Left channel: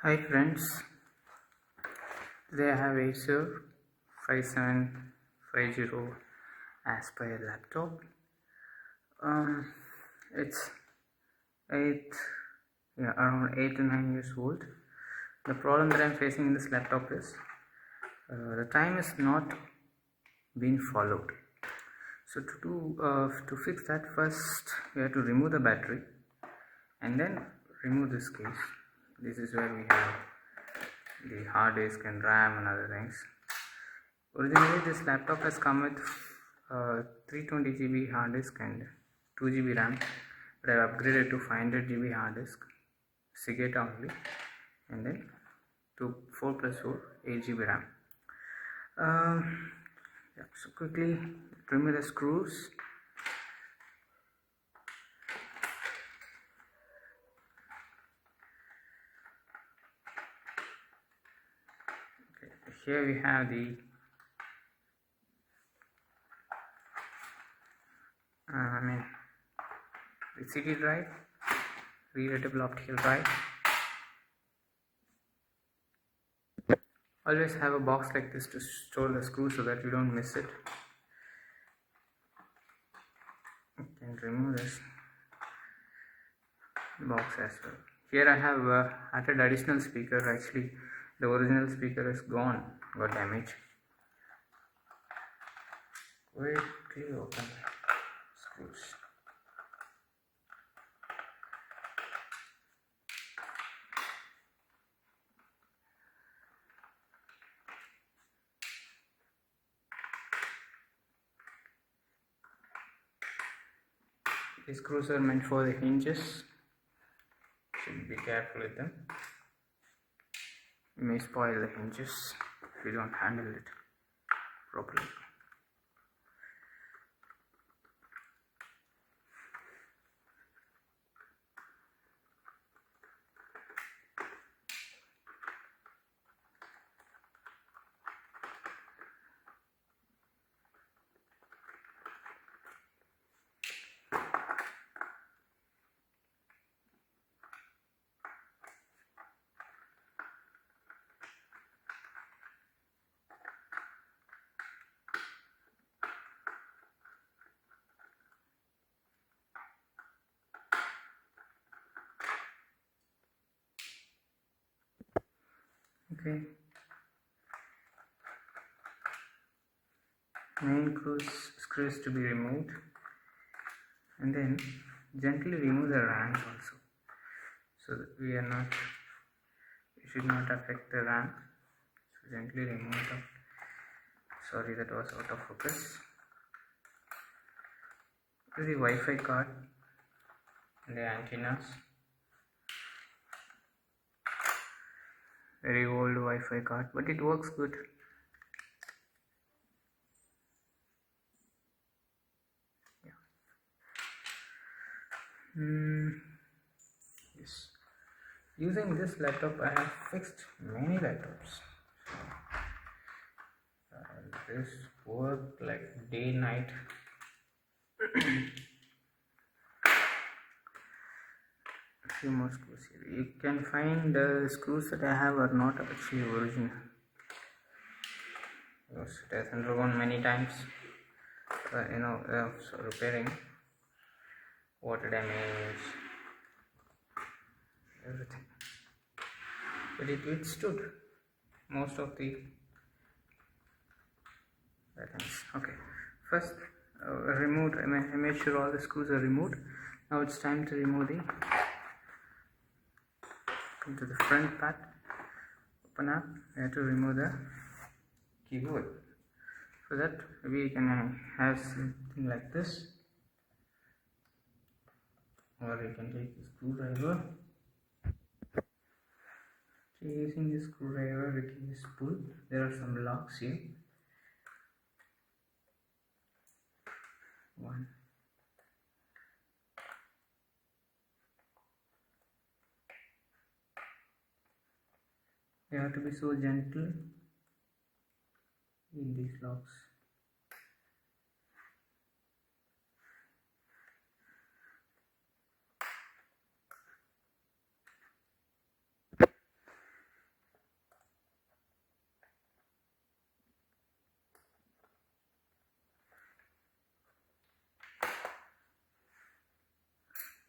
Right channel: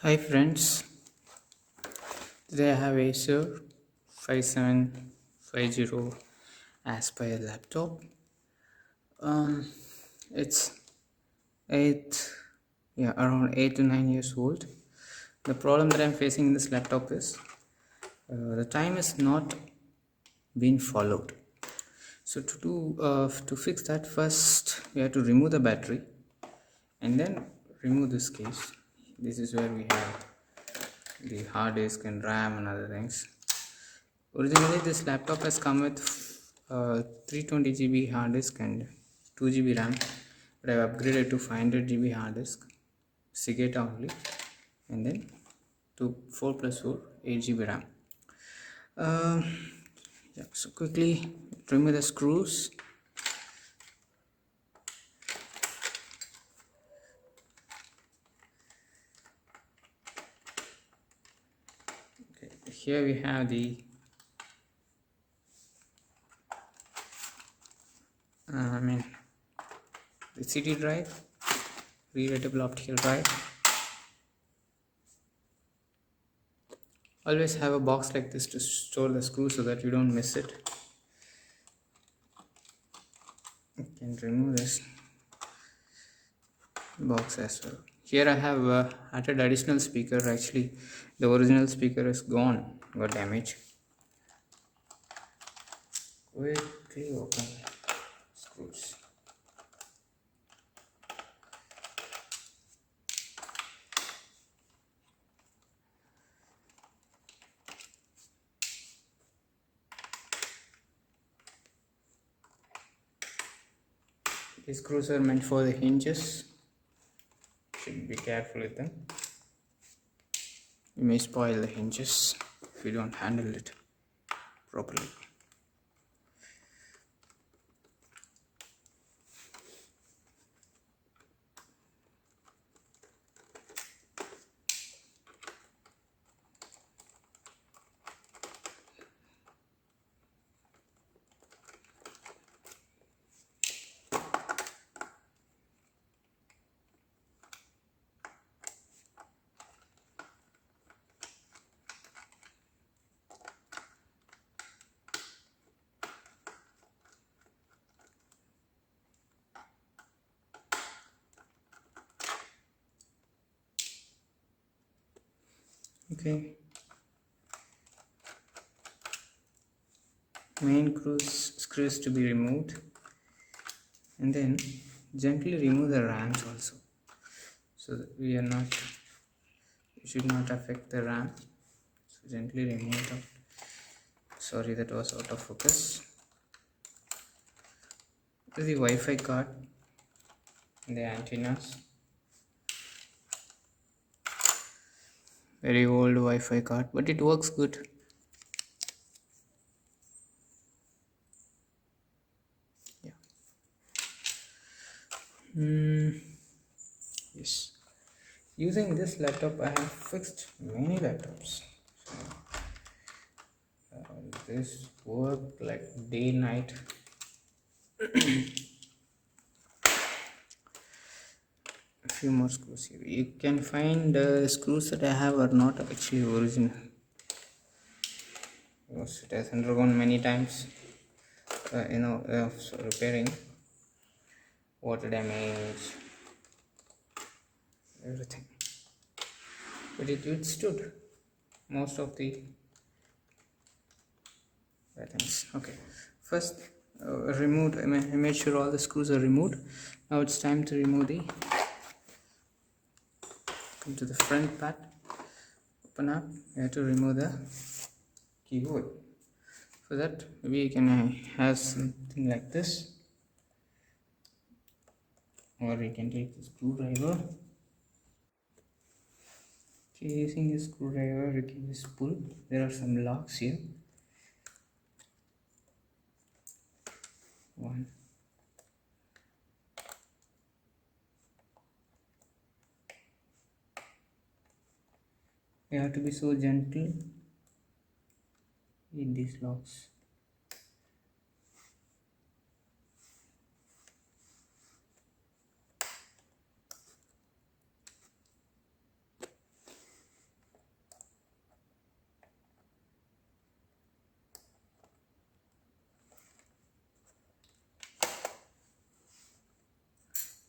Hi friends, today I have Acer 5750 Aspire laptop. Um, it's around 8 to 9 years old. The problem that I'm facing in this laptop is the time is not being followed. So to fix that, first we have to remove the battery and then remove this case. This is where we have the hard disk and RAM and other things. Originally, this laptop has come with 320 GB hard disk and 2 GB RAM, but I have upgraded to 500 GB hard disk, SIGATA only, and then to 4 plus 4 8 GB RAM. So quickly remove the screws. Okay, here we have the the CD drive, readable optical drive. Always have a box like this to store the screw so that you don't miss it. You can remove this box as well. Here I have added additional speaker. Actually, the original speaker is gone, got damaged. Quickly open screws. These screws are meant for the hinges. Should be careful with them. You may spoil the hinges if you don't handle it properly. Okay. Main screws to be removed, and then gently remove the rams also, so that you should not affect the RAM. So gently remove them. Sorry, that was out of focus. This is the Wi-Fi card and the antennas. Very old Wi-Fi card, but it works good. Yeah. Yes. Using this laptop, I have fixed many laptops. This work like day night. A few more screws here. You can find the screws that I have are not actually original. Because it has undergone many times, repairing, water damage, everything. But it stood most of the things. Okay, first removed. I made sure all the screws are removed. Now it's time to remove the. Come to the front part. Open up. We have to remove the keyboard. For that, maybe you can have something like this, or you can take the screwdriver. Okay, using the screwdriver, you can just pull. There are some locks here. One. You have to be so gentle in these locks.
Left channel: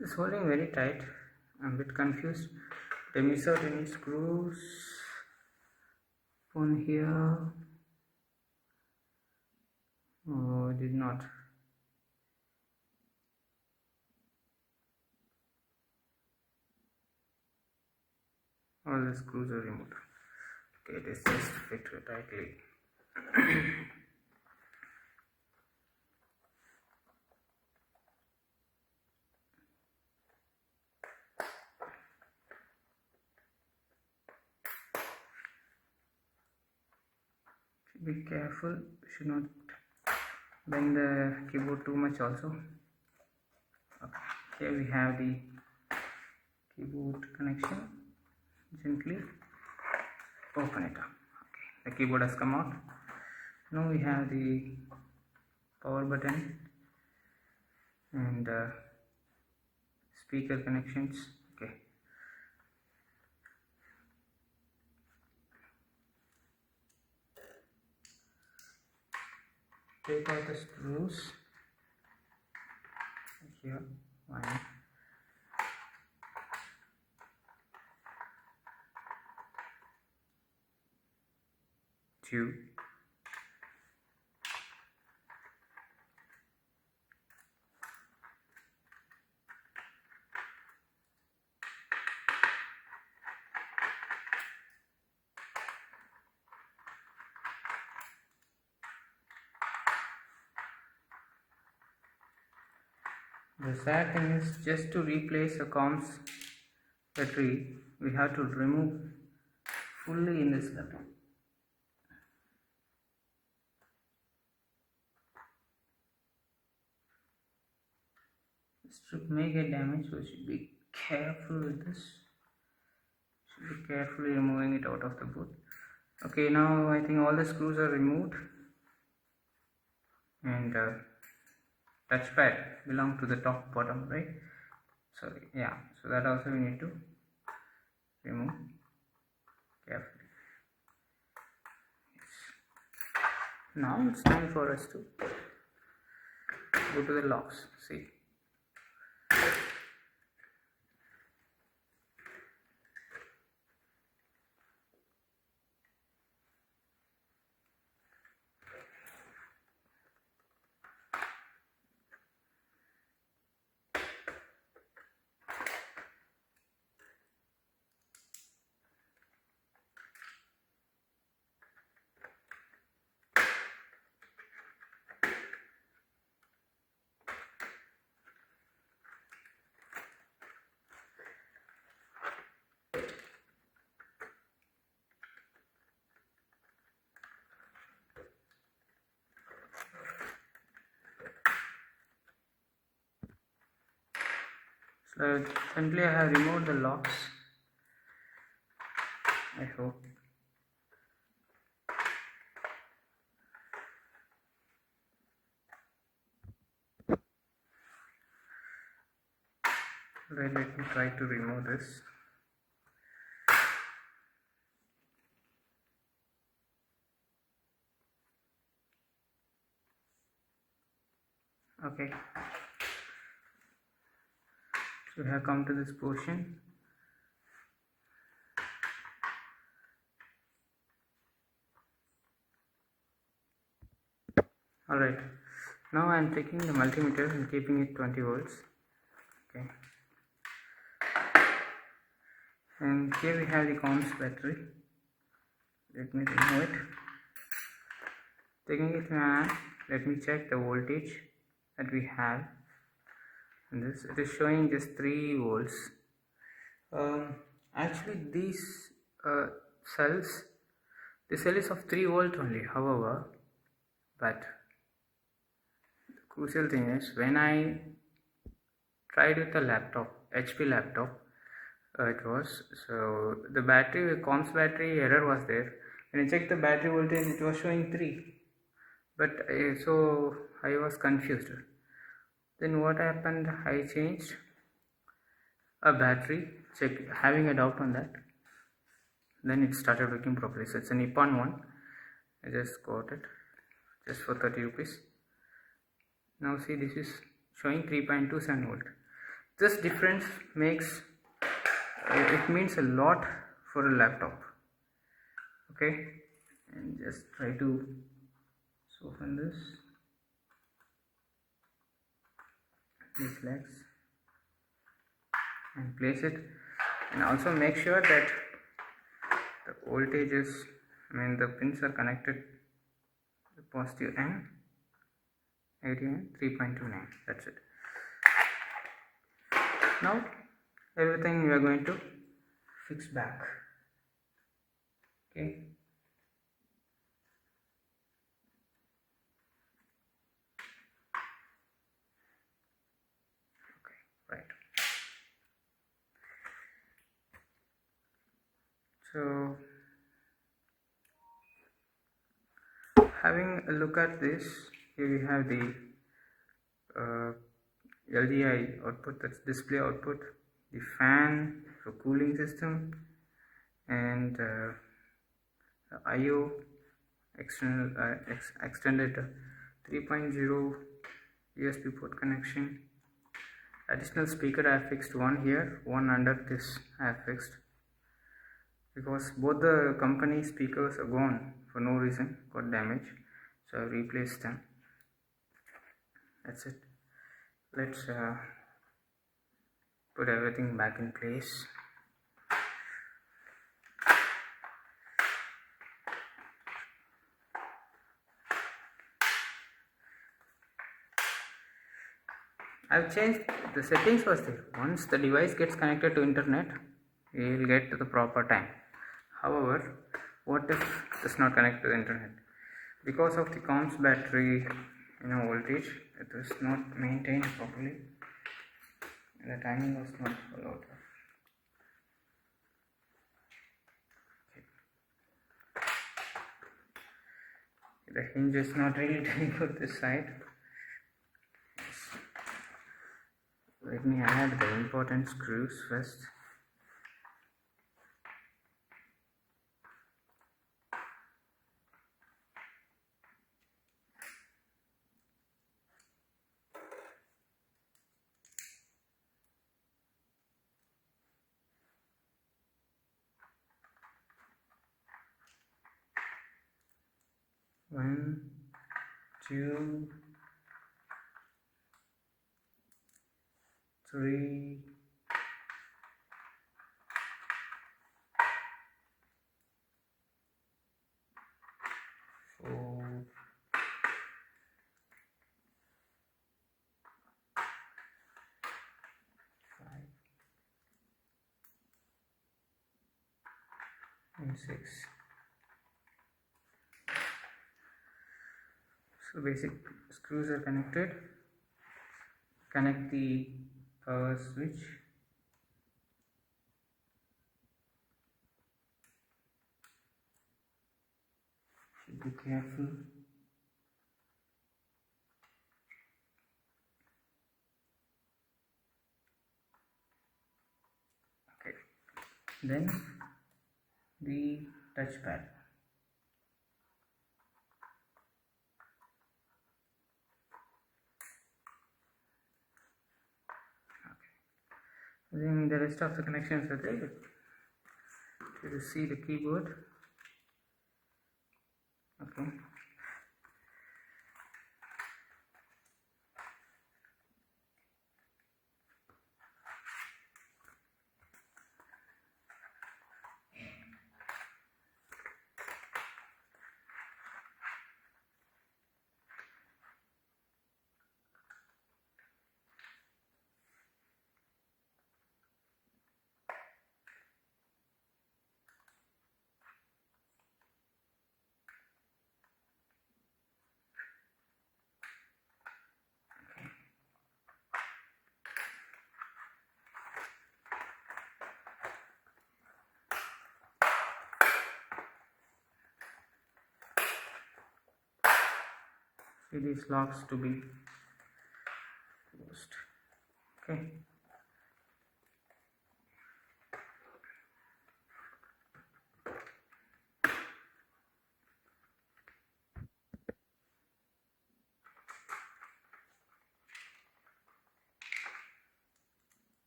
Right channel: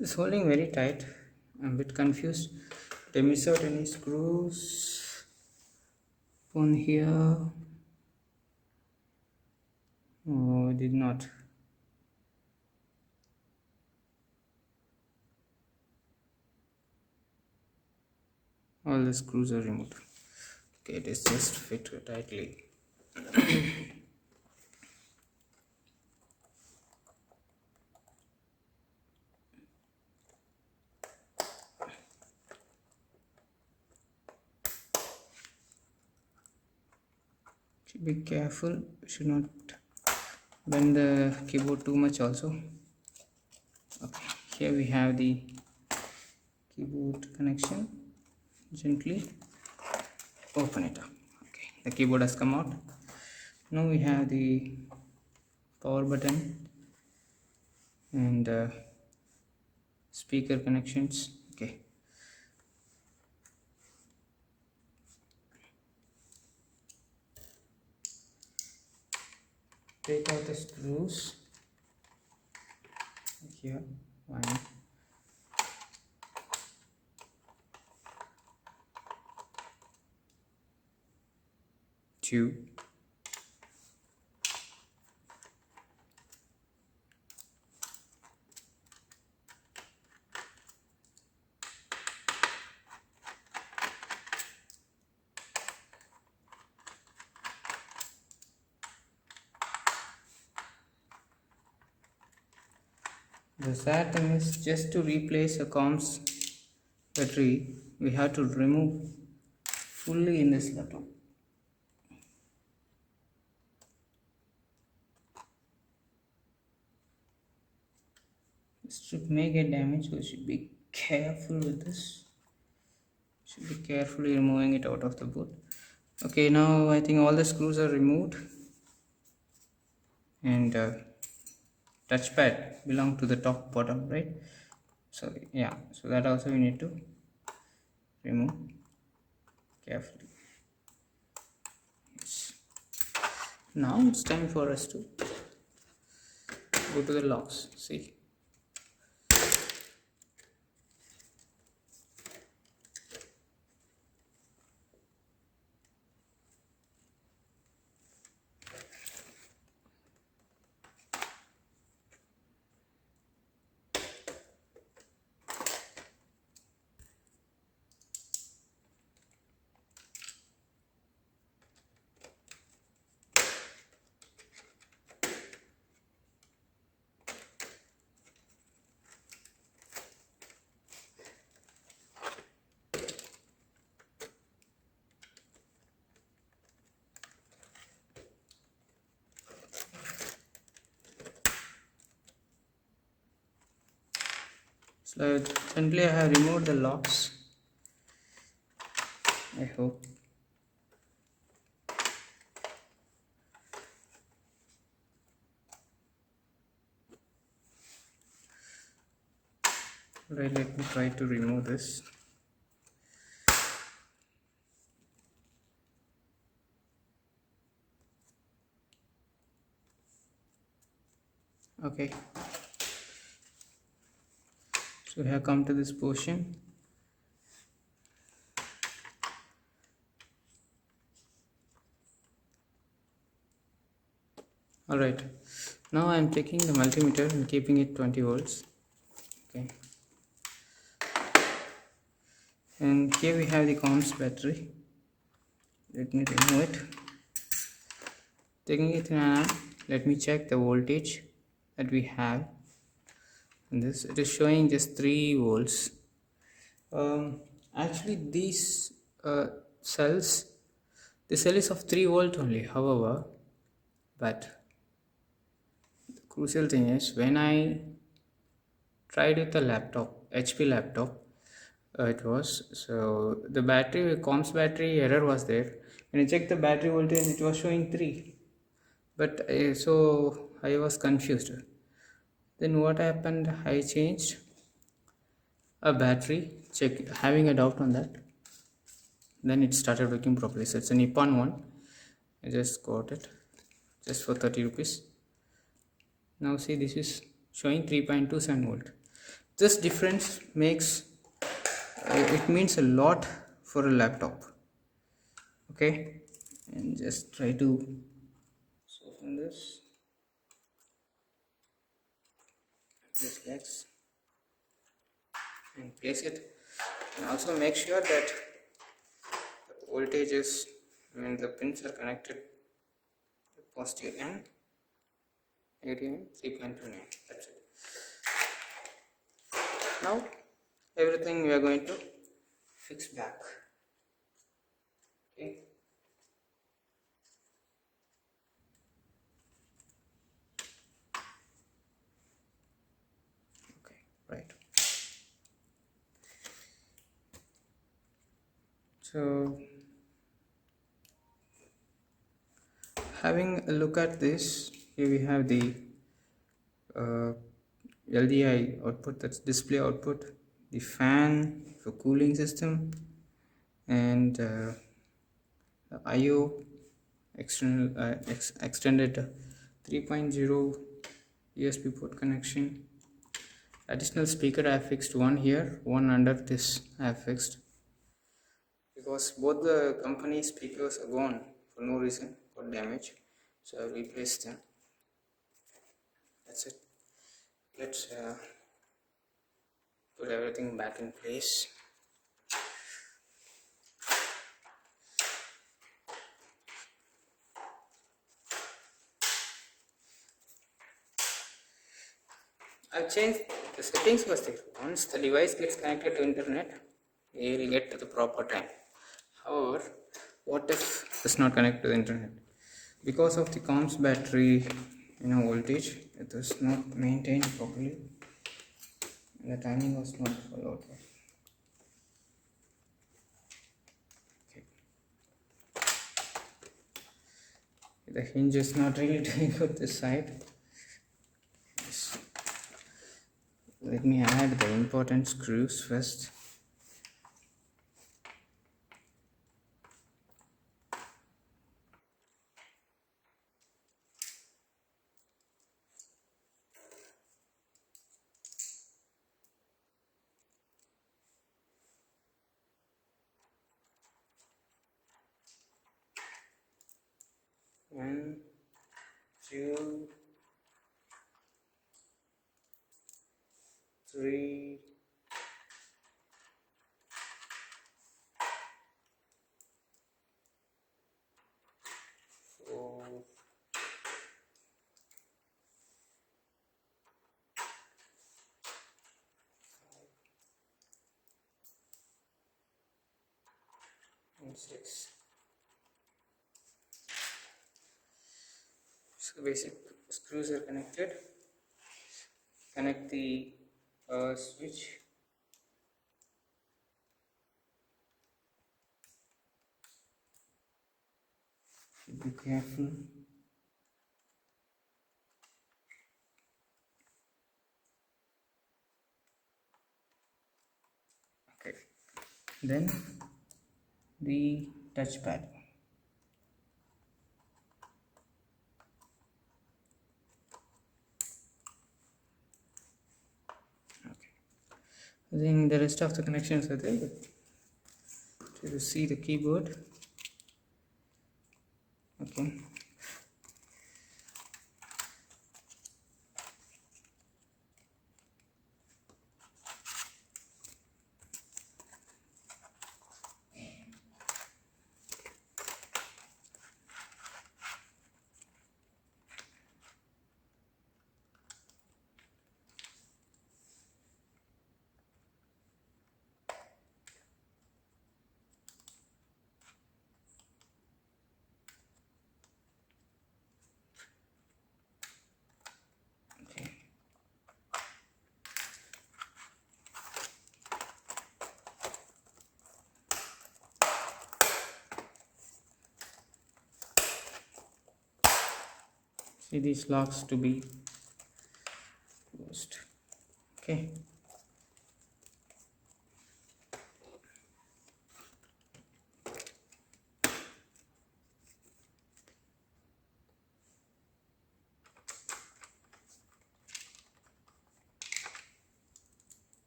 It's holding very tight. I'm a bit confused. Did I miss out any screws on here? Oh, I did not. All the screws are removed. Okay, it is just fit tightly. Should be careful. Should not bend the keyboard too much also. Okay, here we have the keyboard connection. Gently open it up. Okay, the keyboard has come out. Now we have the power button and speaker connections. Okay, take out the screws here. One, two, the sad thing is, just to replace a comms battery, we have to remove fully in this laptop. This strip may get damaged, so you should be careful with this. Should be carefully removing it out of the boot. Okay, now I think all the screws are removed, and touchpad belong to the top bottom, right? Sorry, yeah, so that also we need to remove carefully. Yes. Now it's time for us to go to the locks. See, so gently I have removed the locks. I hope. Right, let me try to remove this. Okay, so we have come to this portion. Alright, now I am taking the multimeter and keeping it 20 volts. Okay, and here we have the comms battery. Let me remove it. Taking it in an eye, let me check the voltage that we have. And this, it is showing just 3 volts. Actually these cells, the cell is of 3 volt only, however, but the crucial thing is, when I tried with the laptop, HP laptop, it was, so the battery, comms battery error was there. When I checked the battery voltage, it was showing 3, but so I was confused. Then what happened, I changed a battery, having a doubt on that, then it started working properly. So it's a Nippon one. I just got it just for 30 rupees. Now see, this is showing 3.27 volt. This difference makes it means a lot for a laptop. Okay, and just try to soften these legs and place it, and also make sure that the voltage is, the pins are connected, the positive and negative and 3.29. That's it. Now everything we are going to fix back. Okay. Okay, right. So having a look at this, here we have the uh, LDI output, that's display output, the fan for cooling system, and the IO extended 3.0 USB port connection. Additional speaker I have fixed one here, one under this I have fixed, because both the company speakers are gone for no reason, got damaged, so I replaced them. That's it. Let's put everything back in place. I've changed the settings was there. Once the device gets connected to internet, it will get to the proper time. However, what if it's not connected to the internet? Because of the comms battery, voltage, it is not maintained properly, and the timing was not followed. Okay. The hinge is not really doing good this side. Yes. Let me add the important screws first. One, two, three, four, five, and six. So basic screws are connected. Connect the power switch. Should be careful. Okay. Then the touchpad. I think the rest of the connections are there. To see the keyboard. Okay. See these locks to be closed. Okay.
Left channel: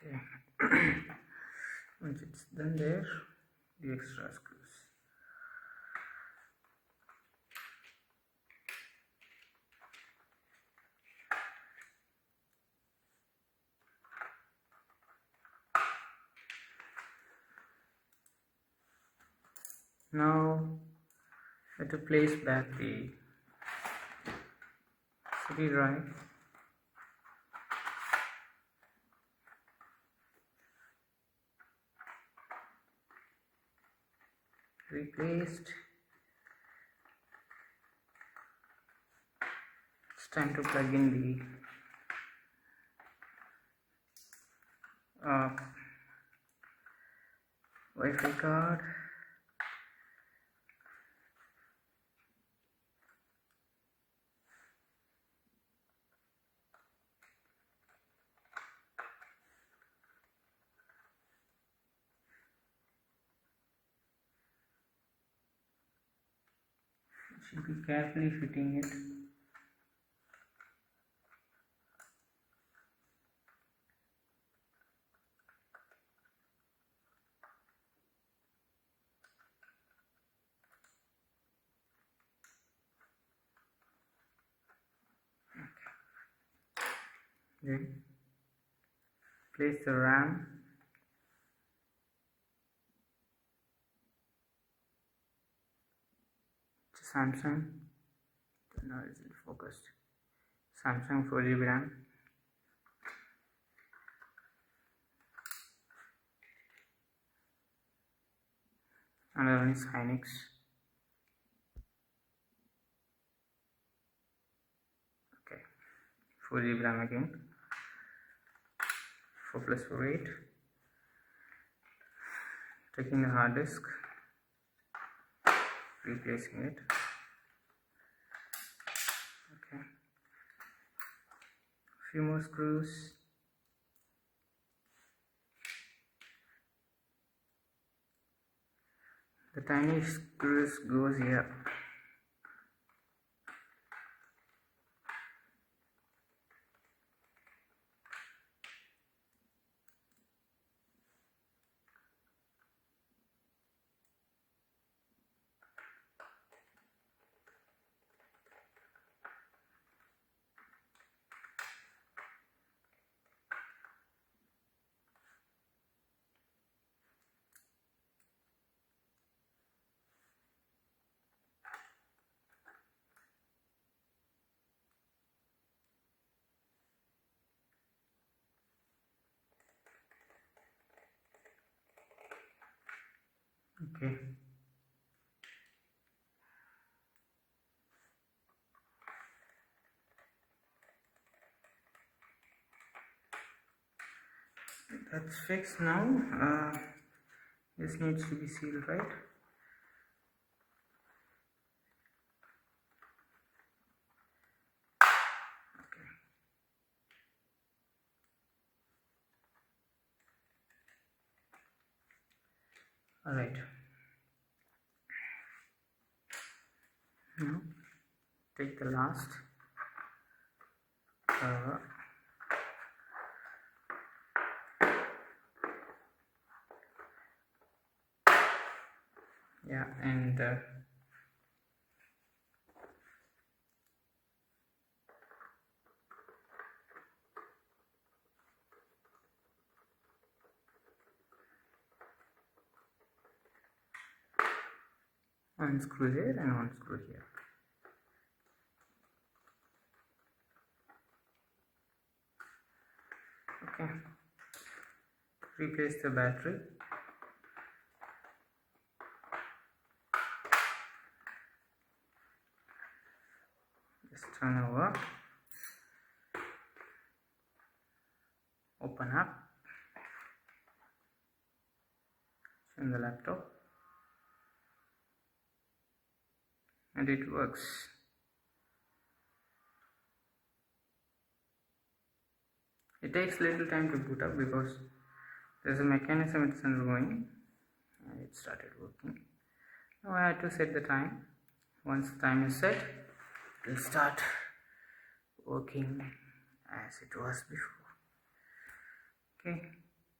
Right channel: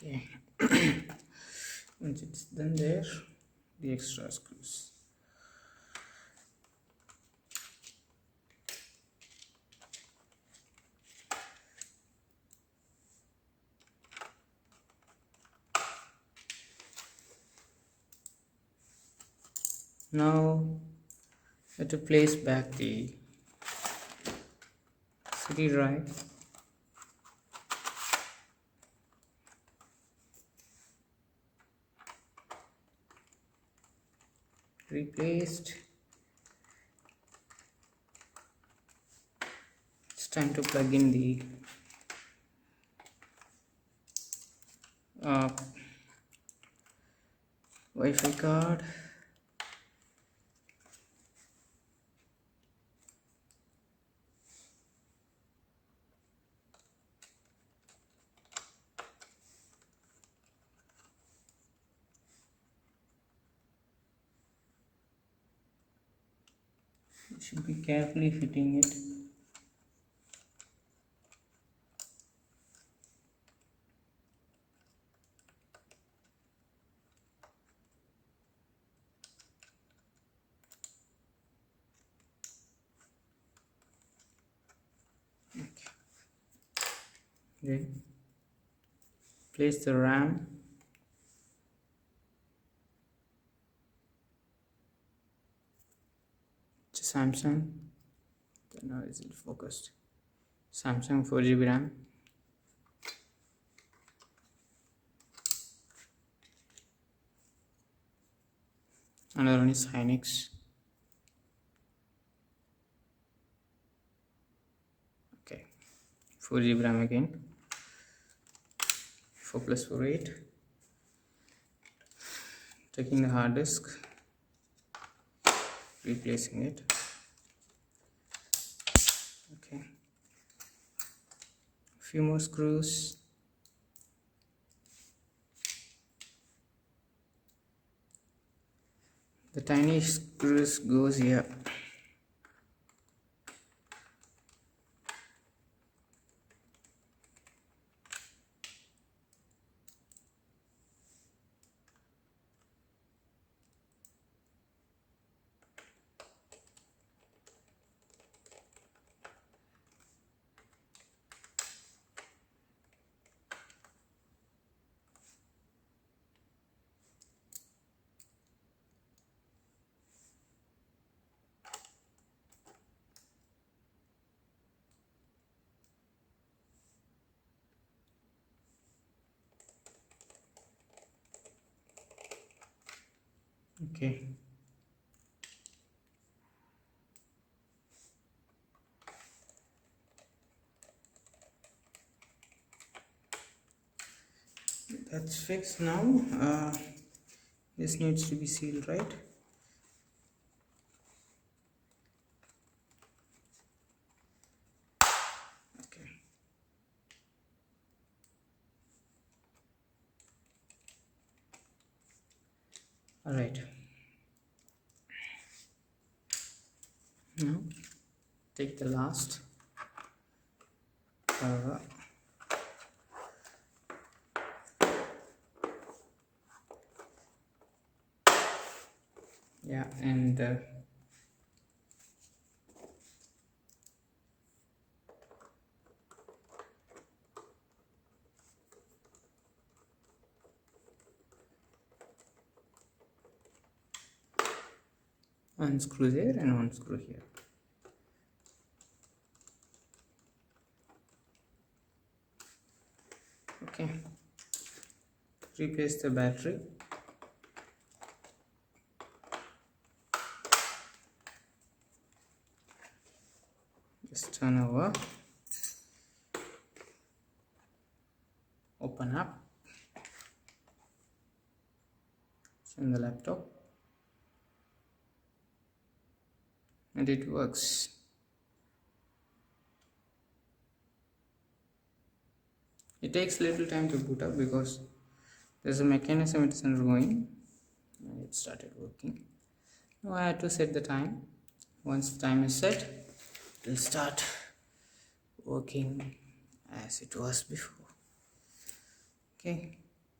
Okay. Once it's done there, the extra screws. Now we have to place back the CD drive. Replaced. It's time to plug in the Wi-Fi card. You should be carefully fitting it. Then place the RAM. It's a Samsung. Now is it focused? Samsung 4GB RAM. Another one is Hynix. Okay, 4GB RAM again. 4 plus 4 8. Taking the hard disk, replacing it. Okay, a few more screws. The tiny screws goes here. Okay. That's fixed now. This needs to be sealed, right? Okay. All right. Now take the last yeah, and unscrew there and unscrew here. Okay, replace the battery. Just turn over, open up, turn the laptop, and it works. It takes little time to boot up because there's a mechanism it's undergoing, and it started working. Now I have to set the time. Once the time is set, it will start working as it was before. Okay.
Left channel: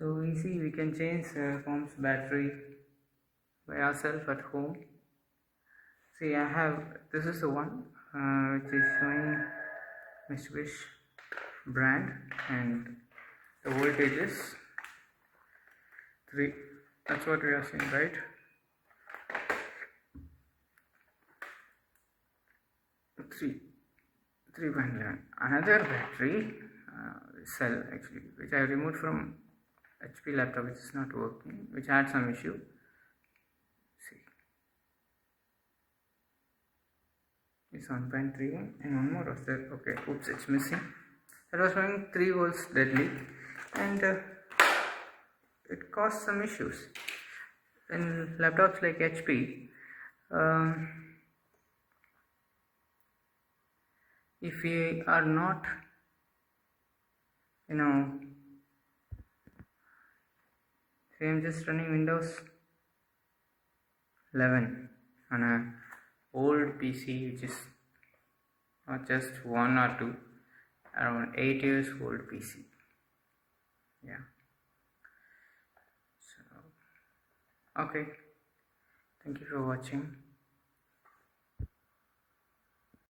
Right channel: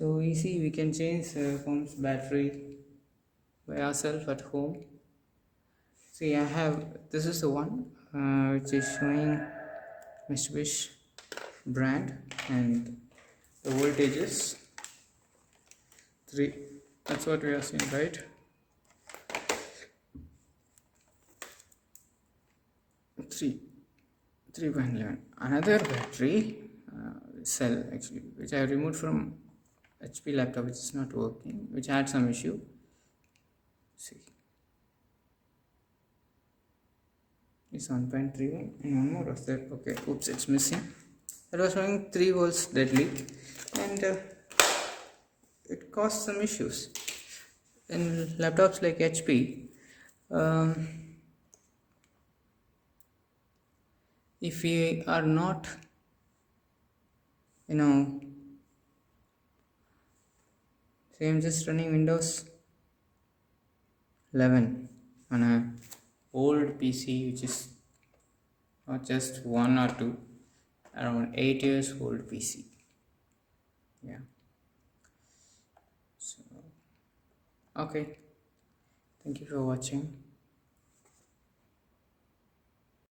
So easy, we can change phone's battery by ourselves at home. See, I have, this is the one which is showing Mitsubishi brand, and the voltage is 3. That's what we are seeing, right? 3.11. Another battery cell actually, which I removed from HP laptop, which is not working, which had some issue. See, it's 1.31, and one more was there. Okay, oops, it's missing. It was showing 3 volts deadly, and it caused some issues in laptops like HP. If we are not, say I'm just running Windows 11 on a old PC, which is not just 1 or 2, around 8 years old PC. Yeah. So, okay. Thank you for watching.